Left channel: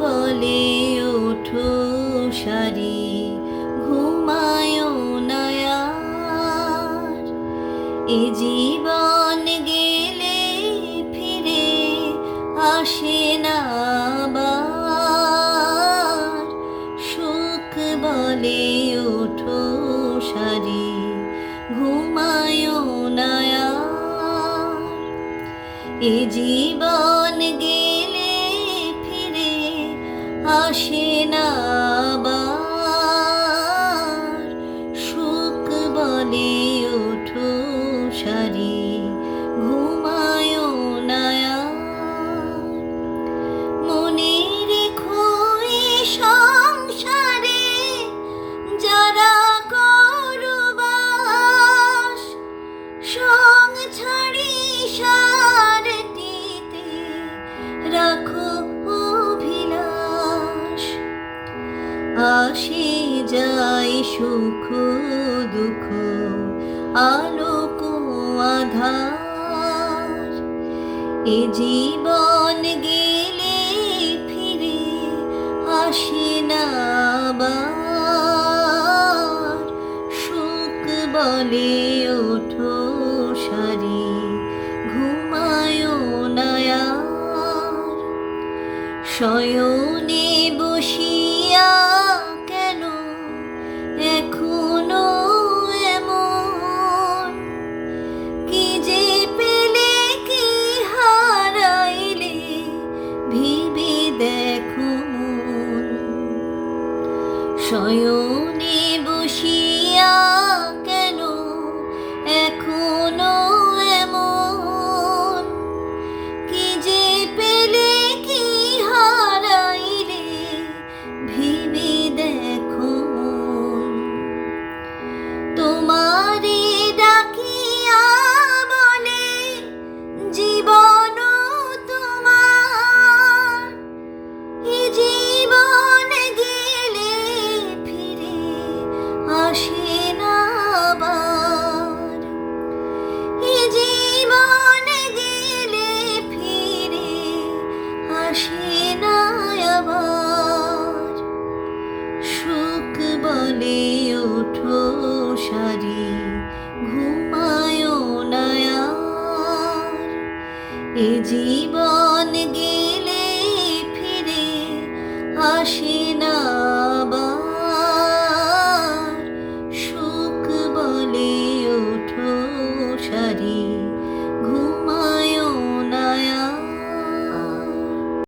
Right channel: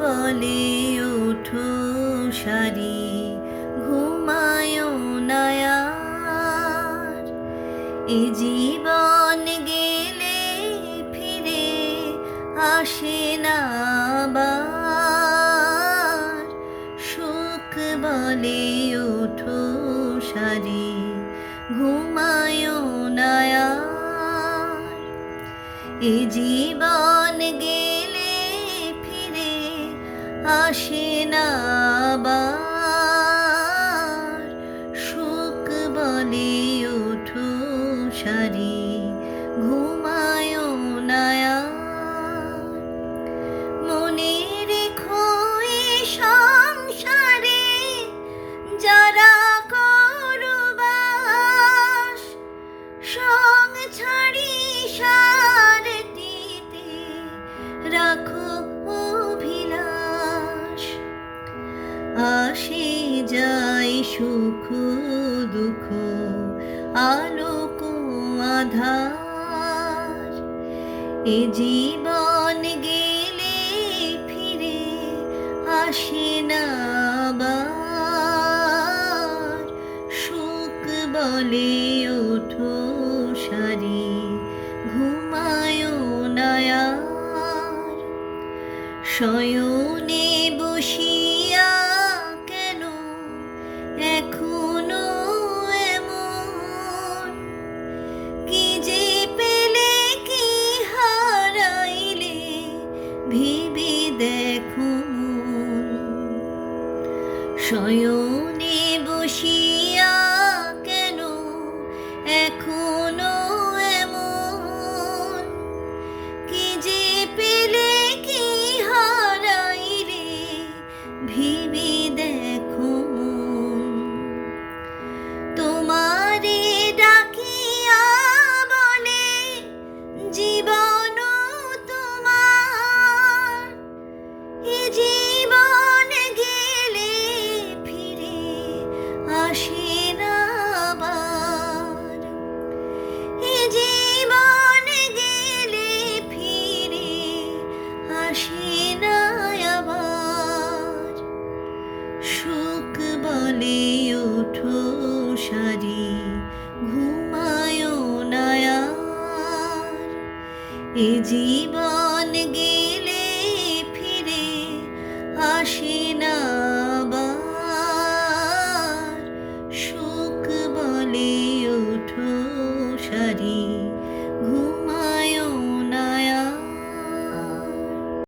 বলে ওঠো সারি, ঘুমায় না আর। এ জীবন গেলে ফিরে আসে না আবার। সুখ বলে ওঠো সারি, ঘুমায় না আর। এ জীবন গেলে ফিরে আসে না আবার। সুখ বলে ওঠো সারি, ঘুমায় না আর। মনে রেখো এ সংসারে যারা করবাস, সং ছাড়ি সারটিতে রাখো অভিলাষ। আসে যায় সুখ দুঃখ, আলোক আধার। এ জীবন গেলে ফিরে আসে না আবার। সুখ বলে ওঠো সারি, ঘুমায় না আর। শয়নে বসিয়া কেন এখনো এমন, কি যে পেলে কি হারাইলে ভেবে দেখো মন। শয়নে বসিয়া কেন এখনো এমন, কি যে পেলে কি হারাইলে ভেবে দেখো মন। তোমারে ডাকিয়া বলে জীবন তোমার, এ জীবন গেলে ফিরে আসে না আবার। এ জীবন গেলে ফিরে আসে